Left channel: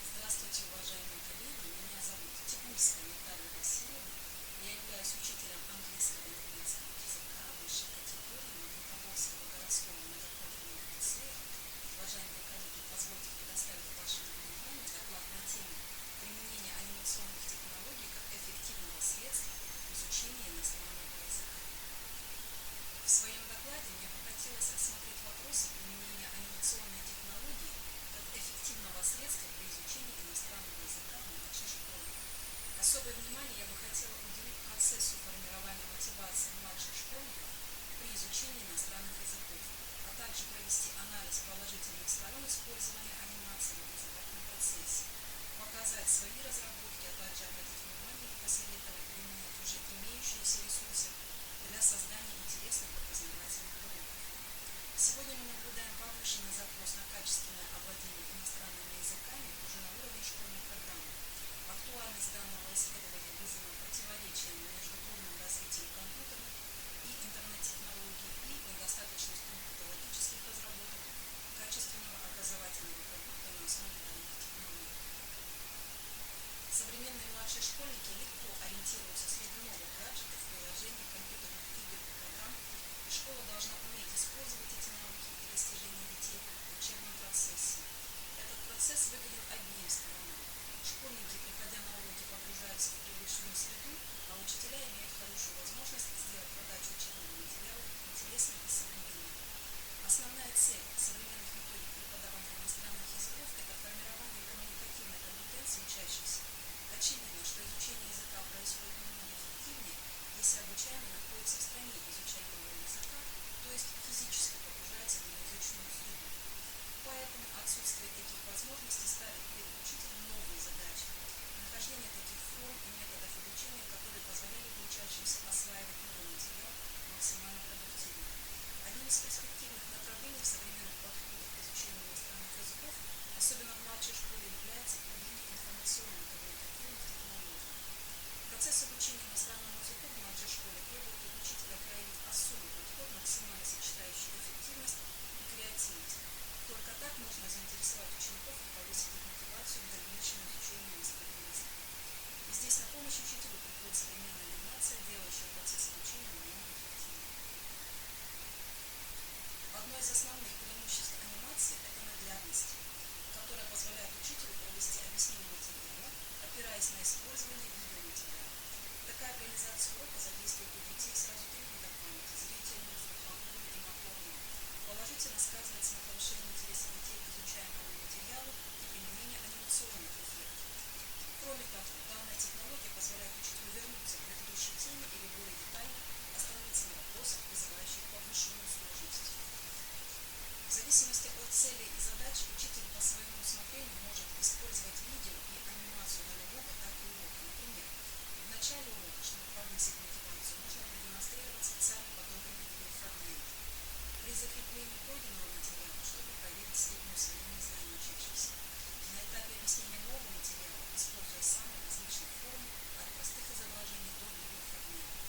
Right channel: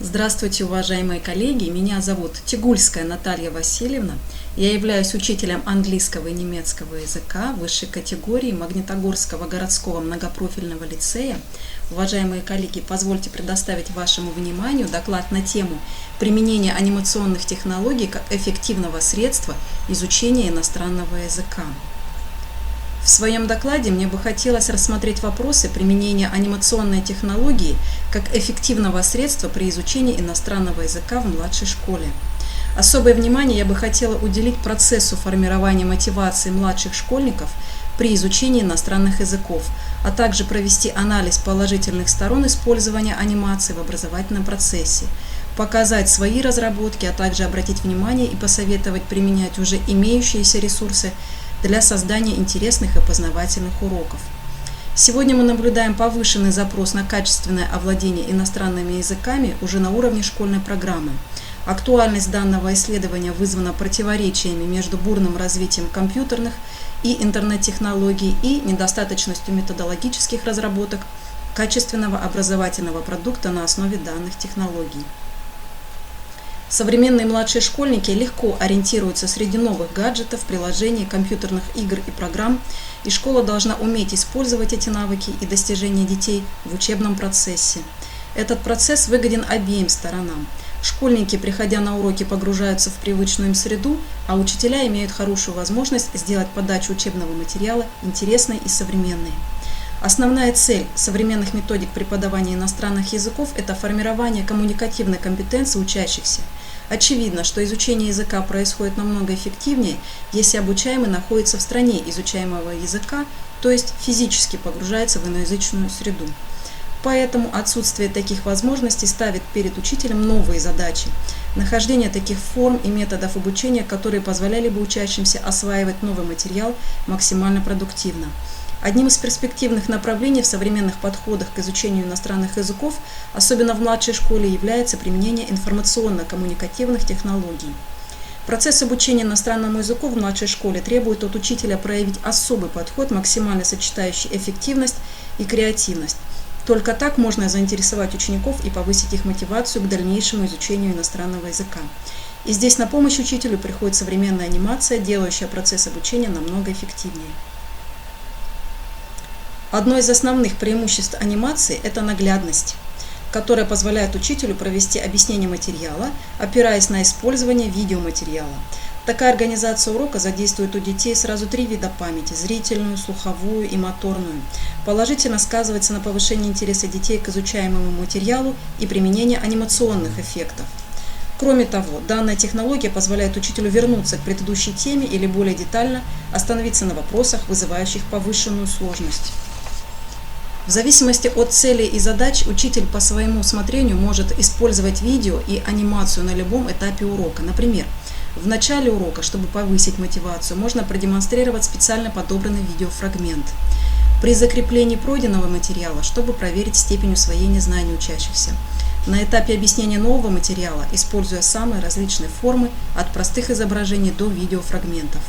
Здравствуйте, уважаемые коллеги! Меня зовут Тигульская Наталья Васильевна. Я являюсь учителем английского и немецкого языка высшей категории Магнитогорского городского многопрофильного лицея. Уважаемые коллеги, позвольте предоставить вашему вниманию доклад на тему применения анимационных технологий как эффективного средства изучения иностранного языка. В своем докладе мне бы хотелось рассмотреть вопросы применения анимационной технологии как эффективного средства при изучении иностранного языка в младшей школе. Особое внимание я бы хотела уделить процессу формирования мотивации младших школьников при изучении иностранных языков, а также провести анализ положительных сторон использования анимации в образовательном процессе, показать свои разработки, а также обратить внимание и посоветовать применять уже имеющиеся ресурсы для создания интересных и познавательных уроков. Сегодня мы наблюдаем повышенный запрос на качественное овладение иностранными языками уже на уровне школьной программы. Актуальность данного исследования вызвана противоречиями между бурным развитием компьютерных и интернет-технологий и недостаточностью методологических разработок качественного образовательного продукта на основе данных технологий. Современные младшие школьники легко ориентируются среди новых гаджетов, приложений, компьютерных игр и программ, и школа должна уметь использовать эти навыки и достижения детей в учебном процессе. Этот процесс выгоден обеим сторонам. Школьники, приходя на уроки, погружаются в привычную им среду, а учителя имеют хорошую возможность сделать подачу учебного материала интересной и современной. Основная цель современных методик преподавания иностранных языков – это формирование коммуникативной компетенции учащихся. Очевидно, что изучение языка происходит намного эффективнее, если обучаемый находится в стране изучаемого языка, то есть физически погружается в иноязычную среду. Поэтому отсутствие таких возможностей ставит перед учителем новые задачи. Нахождение таких форм и методов обучения, которые позволяли бы учащимся осваивать новый материал максимально продуктивно. Одним из перспективных направлений в современных подходах к изучению иностранных языков, особенно в младшей школе, является применение информационно-коммуникативных технологий. Процесс обучения иностранному языку в младшей школе требует от учителя проявить особый подход, максимально сочетающий эффективность и креативность. Только так можно заинтересовать учеников и повысить их мотивацию к дальнейшему изучению иностранного языка. И здесь на помощь учителю приходит современная анимация, делающая процесс обучения намного эффективнее. Одно из основных преимуществ анимации – это наглядность, которая позволяет учителю провести объяснение материала, опираясь на использование видеоматериала. Такая организация урока задействует у детей сразу три вида памяти – зрительную, слуховую и моторную. Положительно сказывается на повышении интереса детей к изучаемому материалу и применении анимационных эффектов. Кроме того, данная технология позволяет учителю вернуться к предыдущей теме или более детально остановиться на вопросах, вызывающих повышенную сложность. В зависимости от целей и задач учитель по своему усмотрению может использовать видео и анимацию на любом этапе урока. Например, в начале урока, чтобы повысить мотивацию, можно продемонстрировать специально подобранный видеофрагмент. При закреплении пройденного материала, чтобы проверить степень усвоения знаний учащихся. На этапе объяснения нового материала, используя самые различные формы, от простых изображений до видеофрагментов.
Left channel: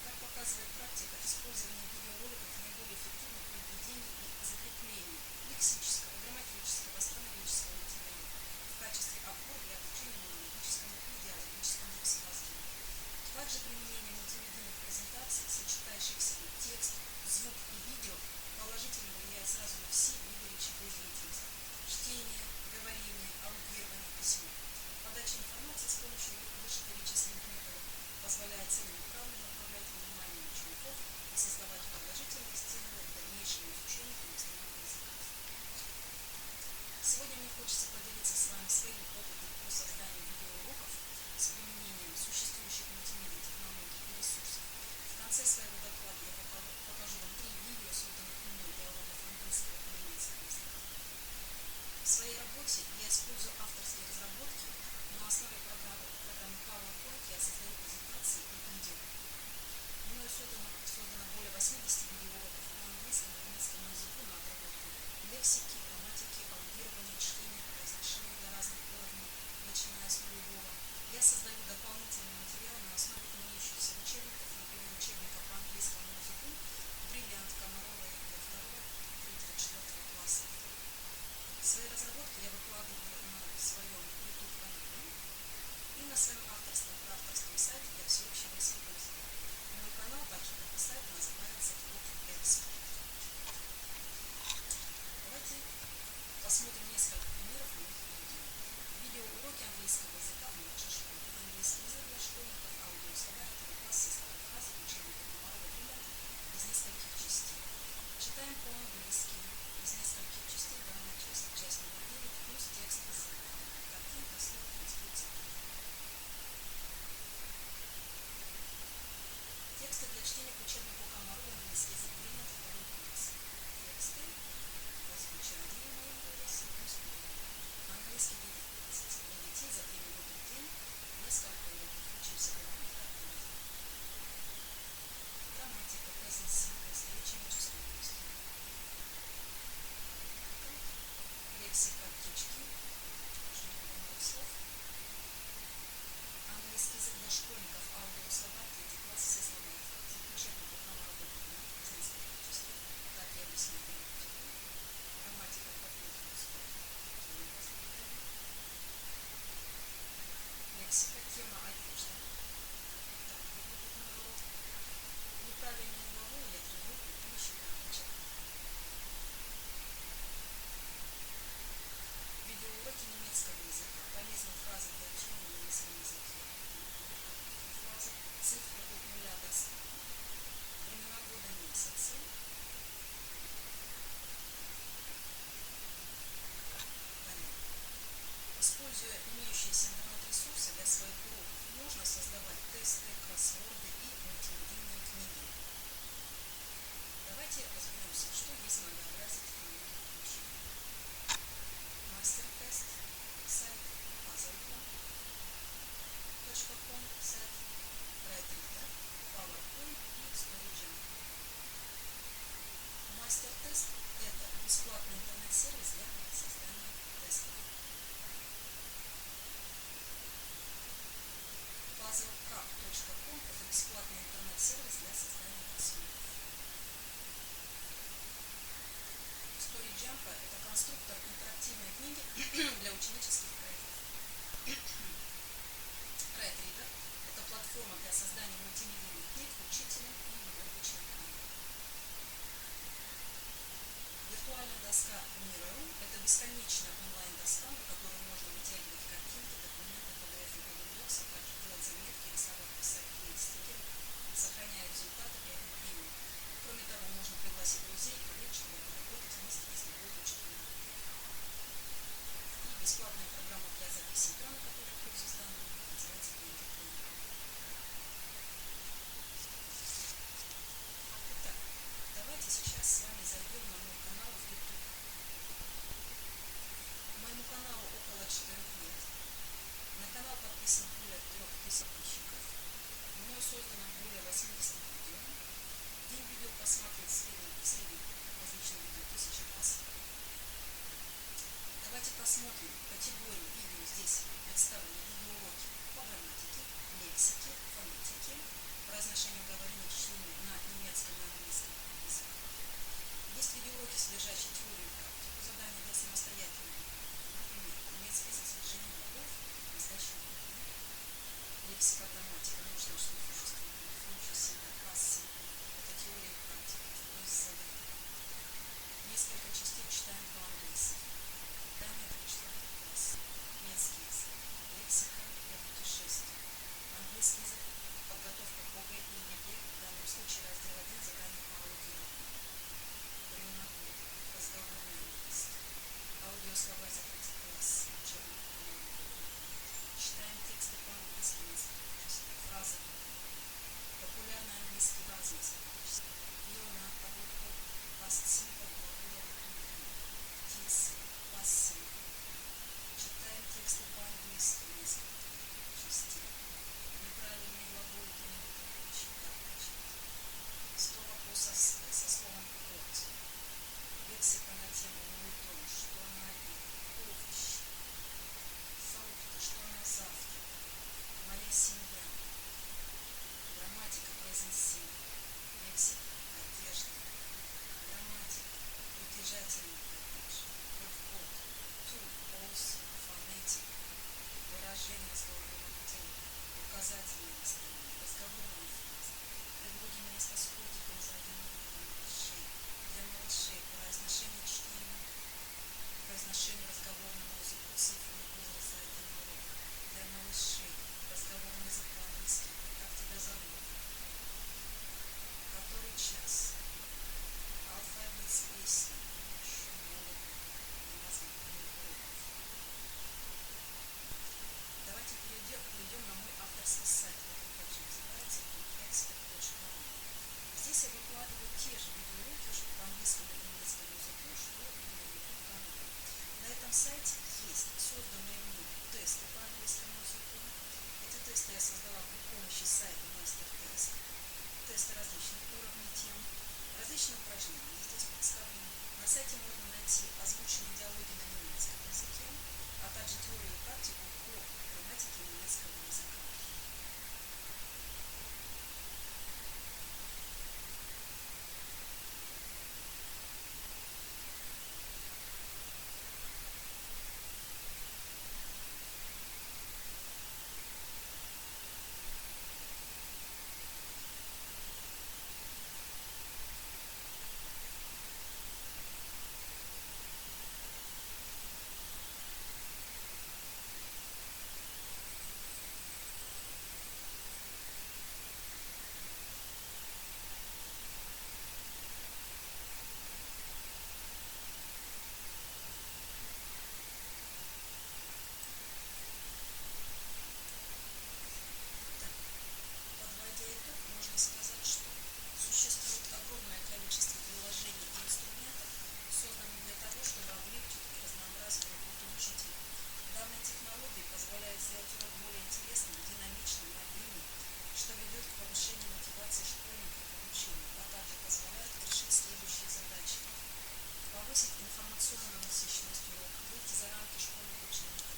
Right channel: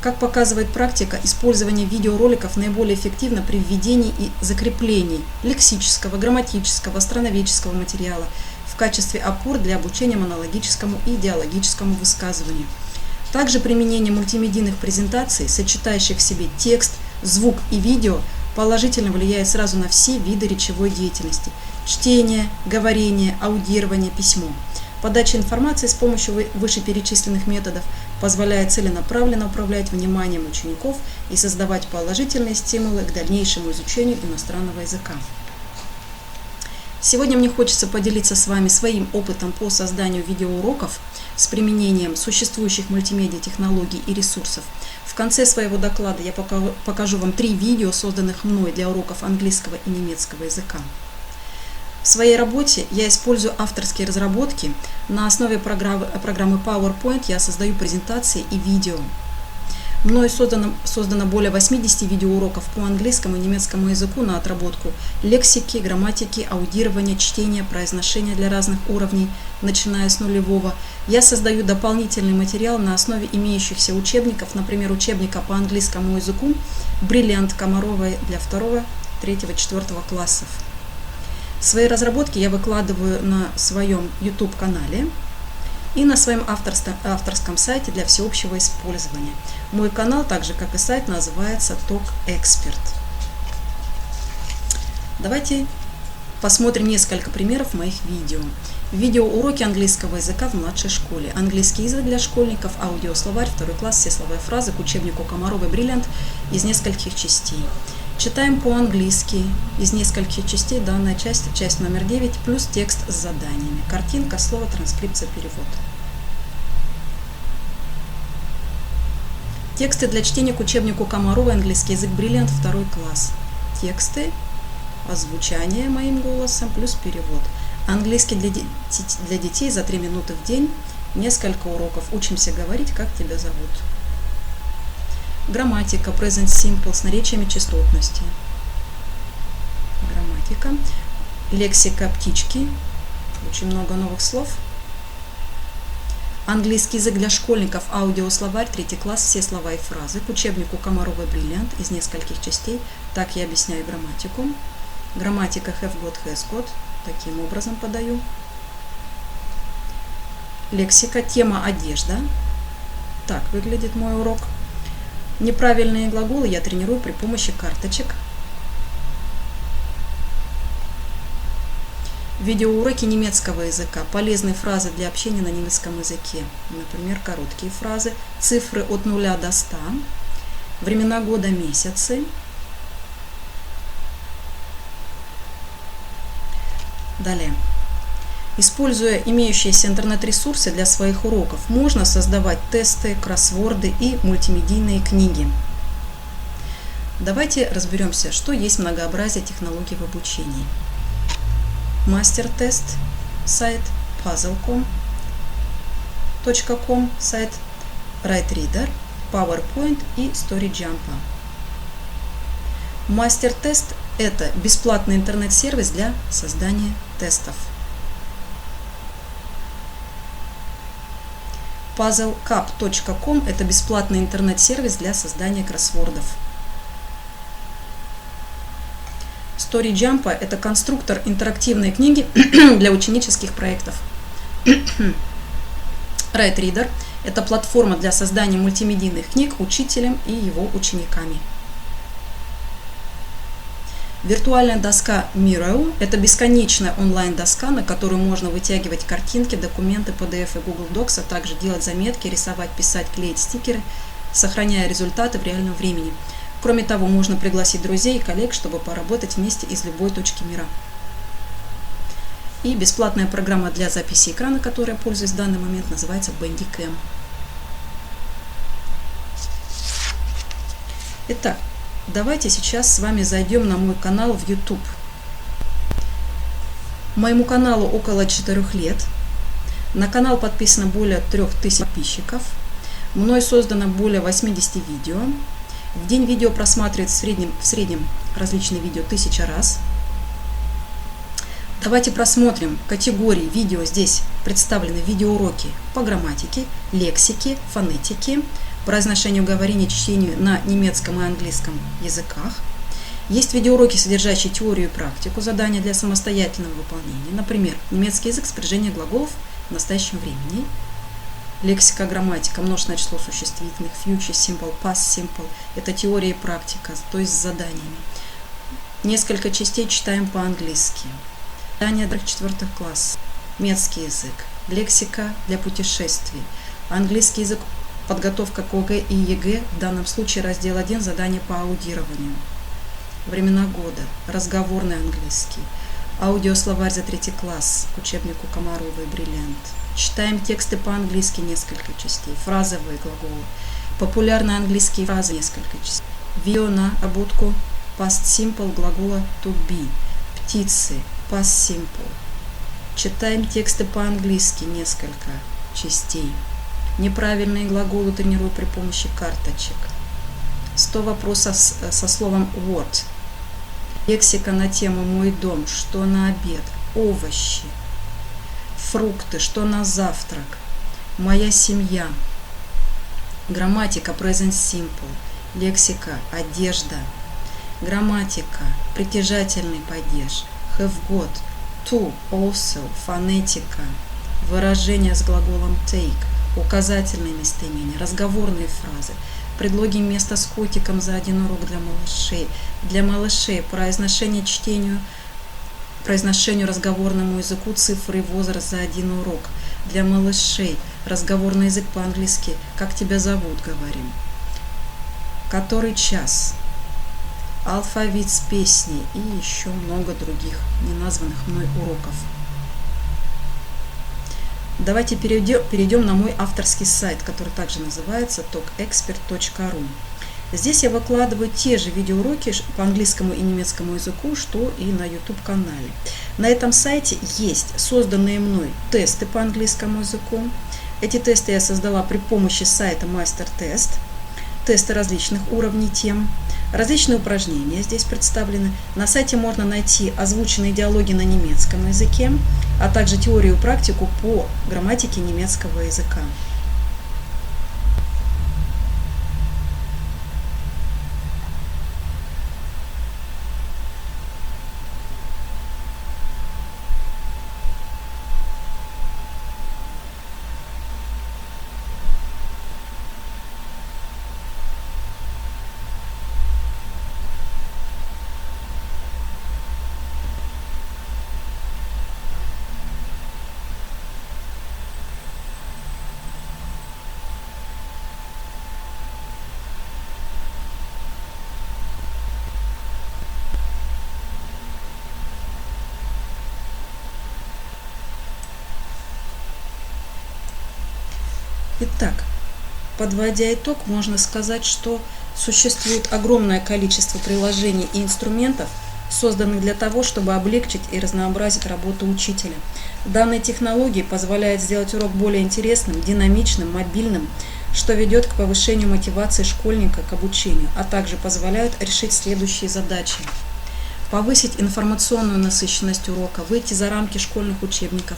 Как показывает практика, использование видеороликов наиболее эффективно при введении и закреплении лексического, грамматического, страноведческого материала в качестве опор для обучения монологическому и диалогическому высказыванию. Также применение мультимедийных презентаций, сочетающих в себе текст, звук и видео, положительно влияет сразу на все виды речевой деятельности – чтение, говорение, аудирование, письмо. Подача информации с помощью вышеперечисленных методов позволяет целенаправленно управлять вниманием учеников и создавать положительные стимулы к дальнейшему изучению иностранного языка. Сегодня мне хочется поделиться с вами своим опытом по созданию видеоуроков с применением существующих мультимедиа технологий и ресурсов. В конце своего доклада я покажу вам 3 видео, созданных мной для уроков английского и немецкого языка. В своей работе я использую авторские разработки. На основе программы PowerPoint я создаю презентации и видео. Мною создано более 80 видеоуроков по английскому и немецкому языку на отработку лексики, грамматики, аудирования, чтения, произношения для разных уровней, начиная с нулевого. Я создаю дополнительный материал на основе имеющихся учебников, например, учебника по английскому языку «Бриллиант Комаровой» для 2, 3, 4 классов. Свои разработки я выкладываю на своем YouTube-канале и на своем авторском сайте для всеобщего использования. Мой канал, так же как и сайт, называется Talk Expert. Давайте посмотрим несколько примеров моих видео. Видеоуроки английского языка в младшей школе. Английский язык для школьников, аудиословарь, 2 класс, все слова и фразы к учебнику Комарова Brilliant из нескольких частей. Читаем по-английски из нескольких частей. Данная часть номер 9, плюс текст с заданиями. Картинка, слово, транскрипция, перевод. Тексты для чтения к учебнику Комарова английский язык Brilliant, 2 класс. Тексты, озвучание моим голосом, плюс перевод. Английский для детей за 3 минуты в день. Несколько уроков. Учимся говорить, как тебя зовут. Грамматика, present simple, с наречиями частотности. Грамматика. Лексика, птички. Очень много новых слов. Английский язык для школьников, аудиословарь, 3 класс, все слова и фразы к учебнику Комарова Brilliant из нескольких частей. Так я объясняю грамматику. Грамматика have got, has got. Таким образом подаю. Лексика, тема одежда. Так выглядит мой урок. Неправильные глаголы я тренирую при помощи карточек. Видеоуроки немецкого языка. Полезные фразы для общения на немецком языке. Например, короткие фразы. Цифры от 0 до 100. Времена года, месяцы. Далее. Используя имеющиеся интернет-ресурсы для своих уроков, можно создавать тесты, кроссворды и мультимедийные книги. Давайте разберемся, что есть многообразие технологий в обучении. Мастер-тест, сайт, puzzle.com, сайт, WriteReader, PowerPoint и StoryJump. Мастер-тест – это бесплатный интернет-сервис для создания тестов. puzzlecap.com – это бесплатный интернет-сервис для создания кроссвордов. StoryJump – это конструктор интерактивной книги для ученических проектов. WriteReader – это платформа для создания мультимедийных книг учителем и его учениками. Виртуальная доска Miro – это бесконечная онлайн-доска, на которую можно вытягивать картинки, документы, PDF и Google Docs, а также делать заметки, рисовать, писать, клеить стикеры, сохраняя результаты в реальном времени. Кроме того, можно пригласить друзей и коллег, чтобы поработать вместе из любой точки мира. И бесплатная программа для записи экрана, которой я пользуюсь в данный момент, называется Bandicam. Итак, давайте сейчас с вами зайдем на мой канал в YouTube. Моему каналу около 4 лет. На канал подписано более 3000 подписчиков. Мной создано более 80 видео. В день видео просматривает в среднем различные видео 1000 раз. Давайте просмотрим категории видео. Здесь представлены видеоуроки по грамматике, лексике, фонетике, произношению, говорению, чтению на немецком и английском языках. Есть видеоуроки, содержащие теорию и практику, задания для самостоятельного выполнения. Например, немецкий язык, спряжение глаголов в настоящем времени. Лексика, грамматика, множественное число существительных, future simple, past simple. Это теория и практика, то есть с заданиями. Несколько частей читаем по-английски. Задания для 4 класс. Немецкий язык. Лексика для путешествий. Английский язык. Подготовка к ОГЭ и ЕГЭ, в данном случае раздел 1, задание по аудированию. Времена года, разговорный английский, аудиословарь за 3 класс к учебнику Комаровой Brilliant. Читаем тексты по-английски, несколько частей, фразовые глаголы, популярные английские фразы, несколько частей. Видео на обутку past simple глагола to be, птицы, past simple. Читаем тексты по-английски, несколько частей. Неправильные глаголы тренирую при помощи карточек. 100 вопросов со словом what. Лексика на тему мой дом, что на обед, овощи, фрукты, что на завтрак, моя семья. Грамматика present simple. Лексика одежда. Грамматика притяжательный падеж. Have got to, also, фонетика, выражения с глаголом take, указательные местоимения, разговорные фразы, предлоги места с котиком за один урок для малышей произношение чтению, произношению разговорному языку цифры и возраст за один урок, для малышей разговорный язык по-английски «как тебя зовут» говорим, который час, алфавит с песней и еще много других неназванных мной уроков. Давайте перейдем на мой авторский сайт, который также называется talkexpert.ru. Здесь я выкладываю те же видеоуроки по английскому и немецкому языку, что и на YouTube-канале. На этом сайте есть созданные мной тесты по английскому языку. Эти тесты я создала при помощи сайта MasterTest. Тесты различных уровней тем. Различные упражнения здесь представлены. На сайте можно найти озвученные диалоги на немецком языке, а также теорию и практику по грамматике немецкого языка. Итак, подводя итог, можно сказать, что существует огромное количество приложений и инструментов, созданных для того, чтобы облегчить и разнообразить работу учителя. Данные технологии позволяют сделать урок более интересным, динамичным, мобильным, что ведет к повышению мотивации школьника к обучению, а также позволяют решить следующие задачи. Повысить информационную насыщенность урока, выйти за рамки школьных учебников,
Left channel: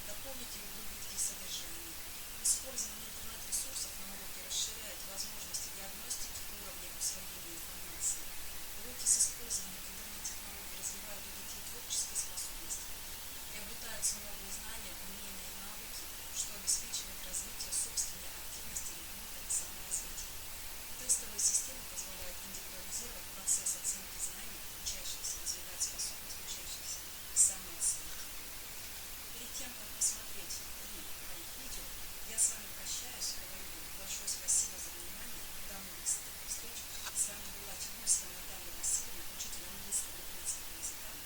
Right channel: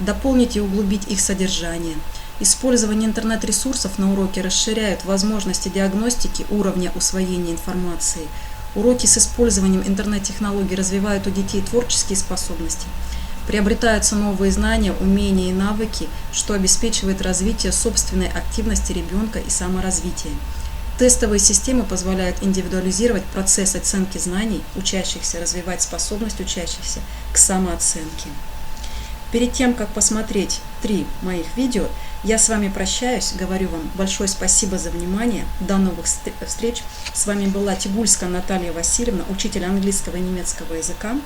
дополнить и углубить их содержание. Использование интернет-ресурсов на уроке расширяет возможности диагностики уровня усвоения информации. Уроки с использованием интернет-технологий развивают у детей творческие способности. Приобретаются новые знания, умения и навыки, что обеспечивает развитие собственной активности ребенка и саморазвитие. Тестовые системы позволяют индивидуализировать процесс оценки знаний учащихся, развивать способность учащихся к самооценке. Перед тем, как посмотреть 3 моих видео, я с вами прощаюсь, говорю вам большое спасибо за внимание, до новых встреч. С вами была Тигульская Наталья Васильевна, учитель английского и немецкого языка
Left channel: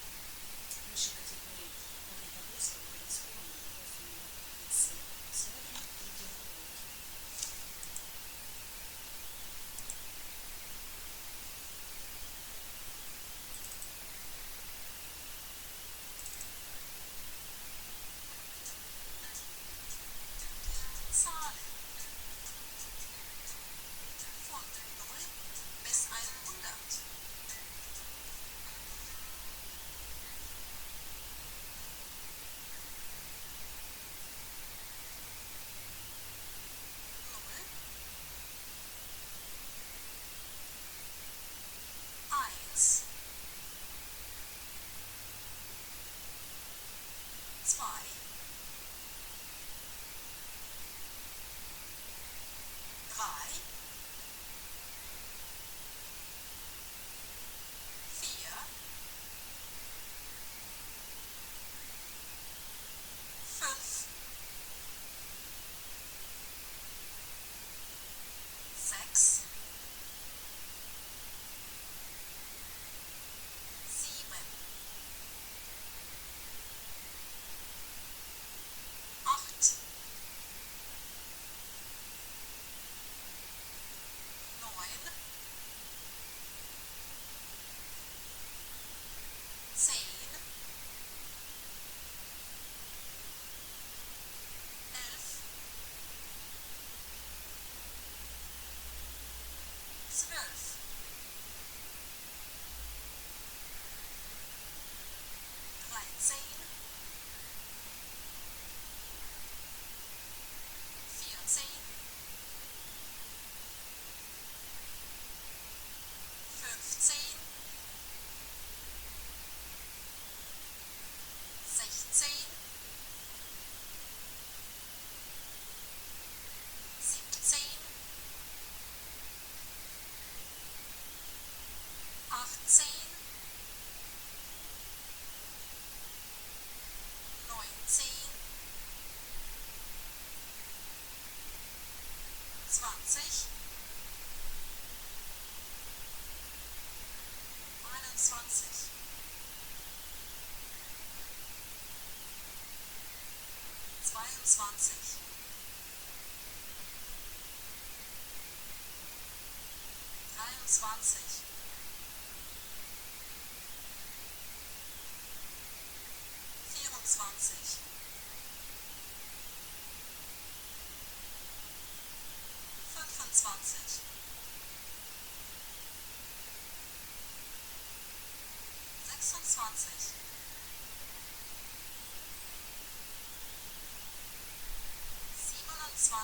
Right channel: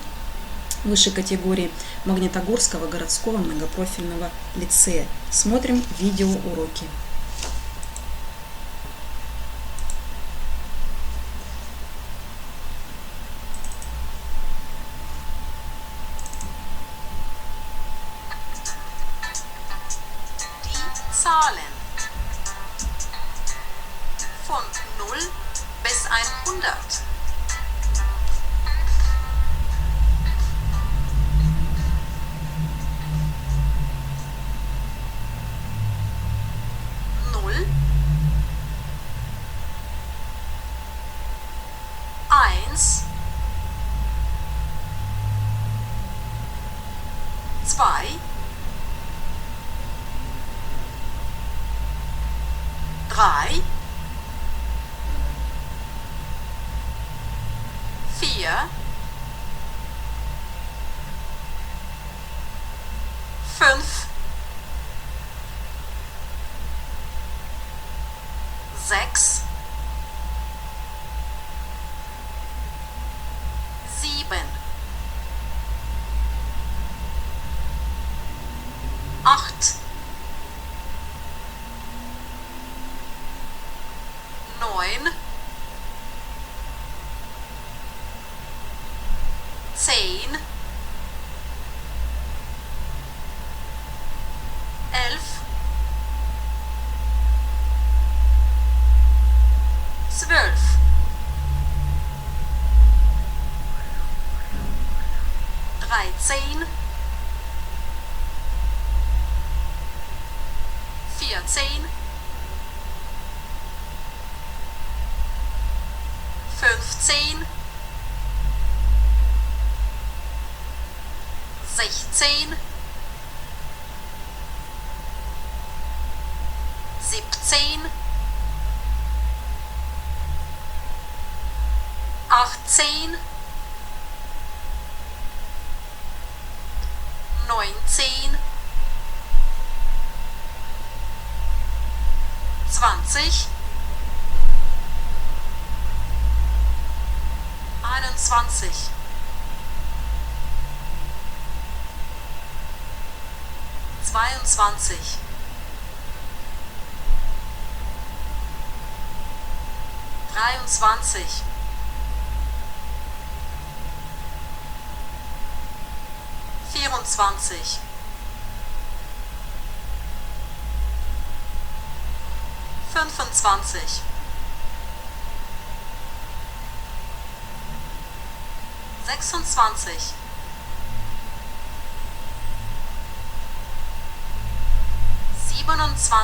высшей категории Магнитогорского городского многопрофильного лицея. Смотрим видеоуроки. Zahlen von 0 bis 100. 0, 1, 2, 3, 4, 5, 6, 7, 8, 9, 10, 11, 12, 13, 14, 15, 16, 16, 17, 18, 19, 20, 21, 22, 23, 24, 25, 26, 27, 28,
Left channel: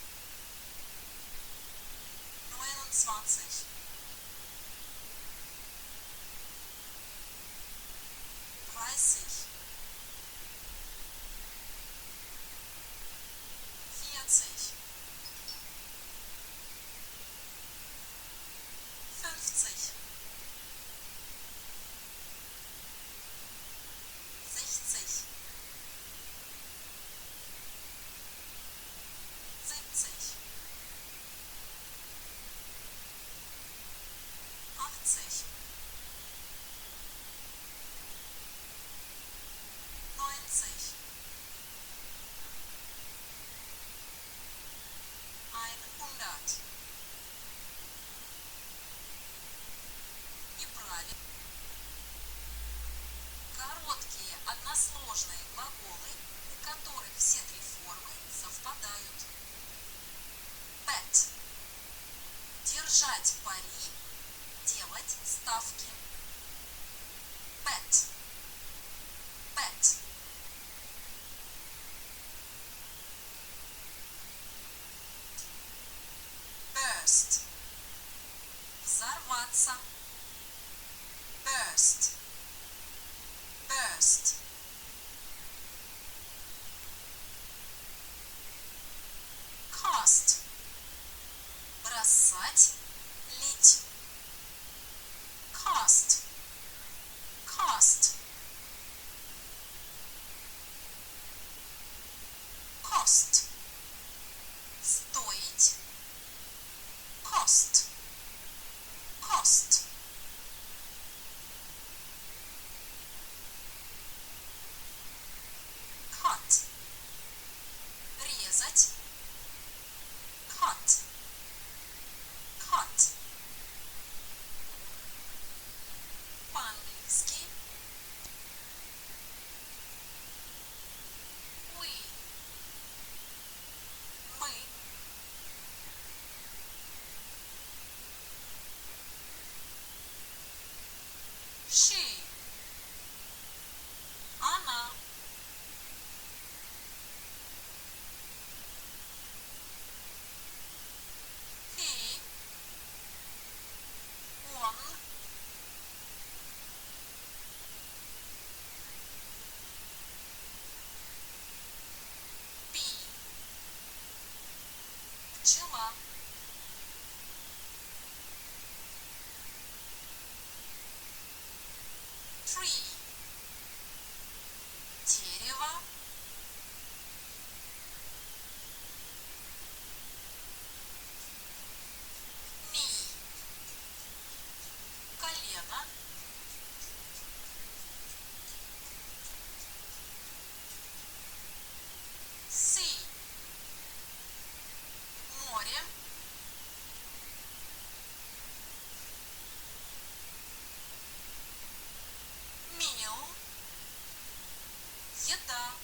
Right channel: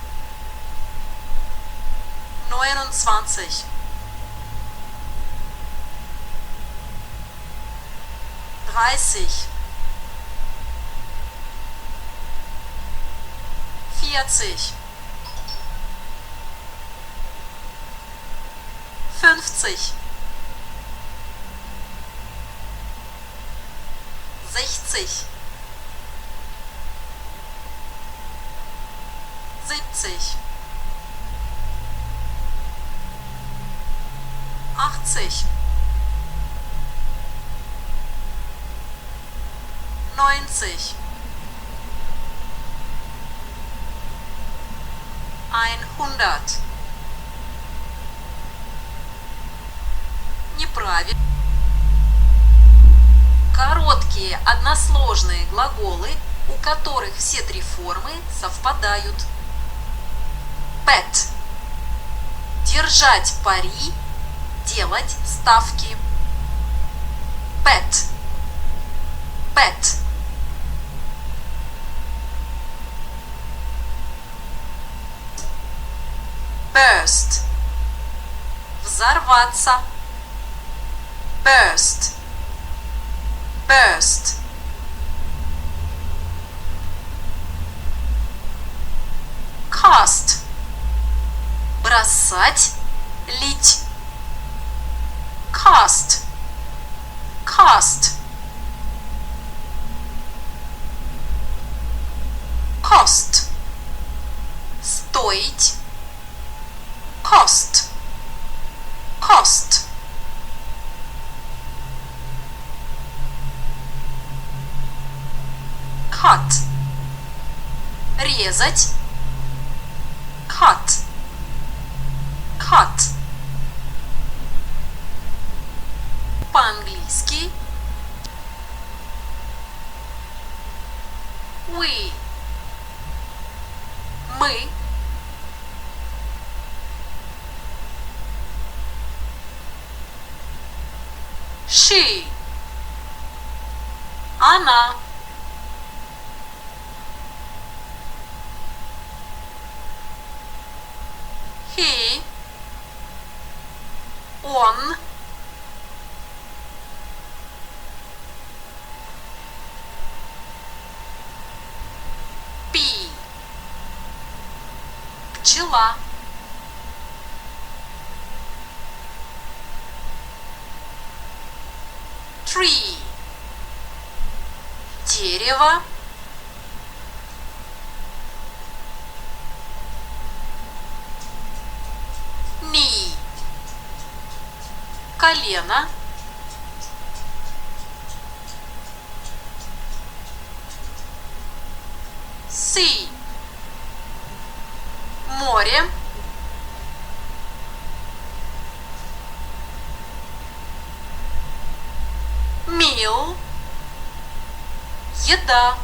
29, 30, 40, 50, 60, 70, 80, 90, 100. Неправильно. Короткие односложные глаголы, у которых все три формы совпадают. Bet. Держать пари, делать ставки. Bet. Bet. Burst. Взорваться. Burst. Burst. Cast. Бросать, лить. Cast. Cast. Cost. Стоить. Cost. Cost. Cut. Резать. Cut. Cut. По-английски we. Мы. She. Она. He. Он. Bee. Пчела. Tree. Дерево. Knee. Колено. Sea. Море. Meal. Еда.